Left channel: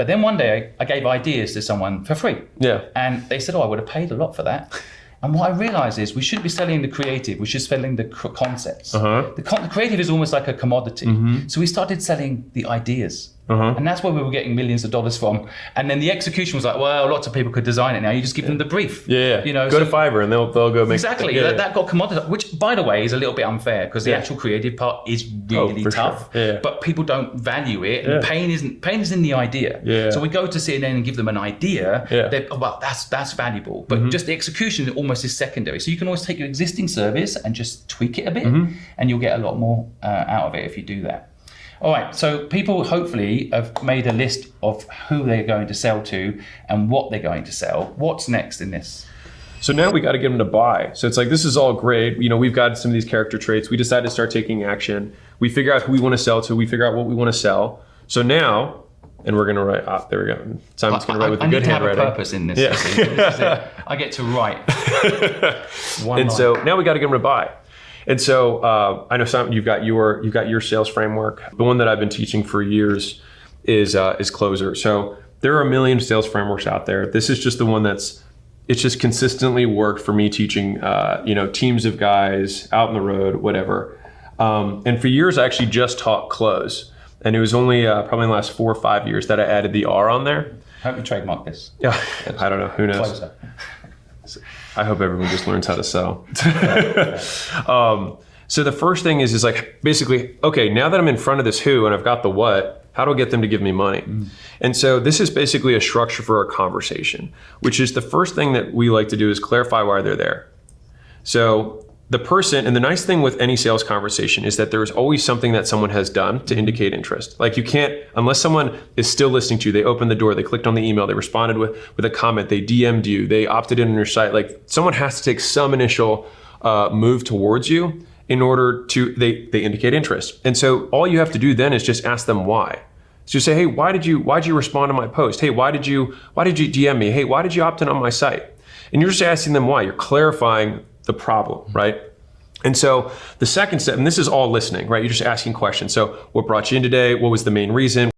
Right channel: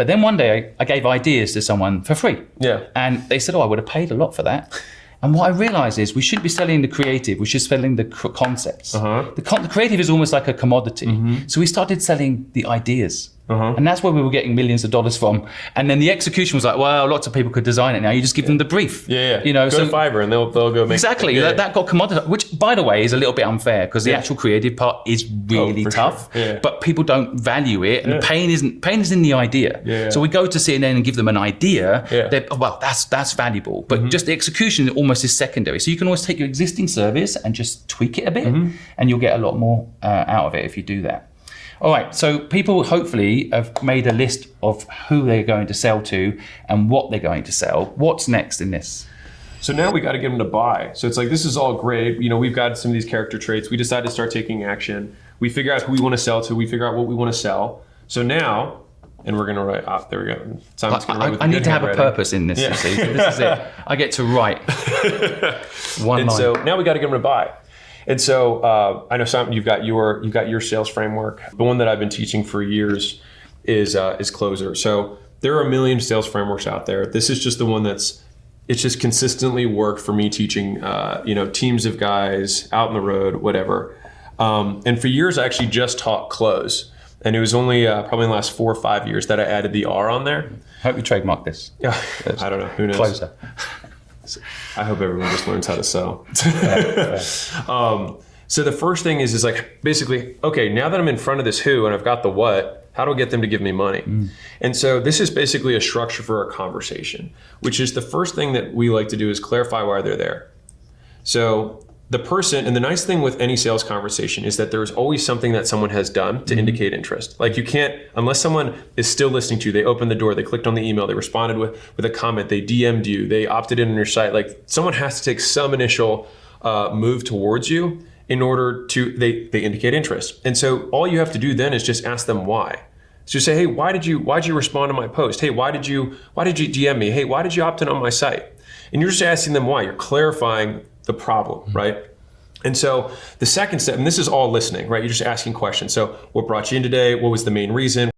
But then one day I gave ideas to someone for free. Yeah. And they said, oh, I would have paid a lot for that. And what I realized is we shouldn't be selling the creative, we should be selling the concepts. The creative is almost like a commodity. So we started selling the ideas. And that's where we were getting millions of dollars from. And then the execution was like, wow, lots of people could design it now. You just give them the brief. Yeah. You know, go to Fiverr and they'll go make exactly. That got commoditized, which by the way is a little bit unfair because the actual creative part is really tough. Sure. Yeah. But people don't value it. And pain is in the idea. Yeah. So we go to CNN and give them an idea. Yeah. Well, that's valuable. But just the execution almost is secondary. So you can always take your existing service and just tweak it a bit, and you'll get a lot more out of it if you do that. All right, so people hopefully have made a list of who they're going to sell to and what they're going to sell. What's next in this? So now we got to get them to buy. So it's like, this is all great. You know, we've got some of these character traits. We decide to start taking action. We figure out who we want to sell to. We figure out what we want to sell. So now, and we're going to write, there we go. Simon's going to write with I the need good to have a handwriting. purpose in this. You see. So this is it. I get to write one And line. so now we got to get them to buy. And so I know, Simon, you've got your sales framework. The one that I've been teaching for years is Closer. So there are a million sales frameworks out there. This is just the one it's just consistently worked for me teaching, teams of guys out on the road, whatever. And for years, I actually just taught Close. And it was only probably in the last 4 or 5 years that I added the R on there. Hope you trademark this. Yeah, I don't know. Who knows? Closer. I hope everyone just learns how to sell. So the first thing is like, basically, okay, now that I'm in front of this who and I've got the what, how do I get them to give me money? And so this is basically a structure for a conversation, which is the first thing that we like to do is clarify why they're there. So the person, and the nice thing with any sales conversation is that there's always something that someone has done to indicate interest. Like you can't, unless someone is still listening to you, they opened the door, they clicked on the email, they responded with a comment, they DM'd you, they opted in on your site. Like someone has to take some initial move towards you in order to, they indicate interest. And so all you have to do then is just ask them why. So you say, hey, why'd you respond to my post? Hey, why did you DM me? Hey, why did you opt in on my site? And you're just asking them why. You're clarifying the problem, right? And so the second step, and this is all listening, right? You're just asking questions. So what brought you in today? What was the main reason?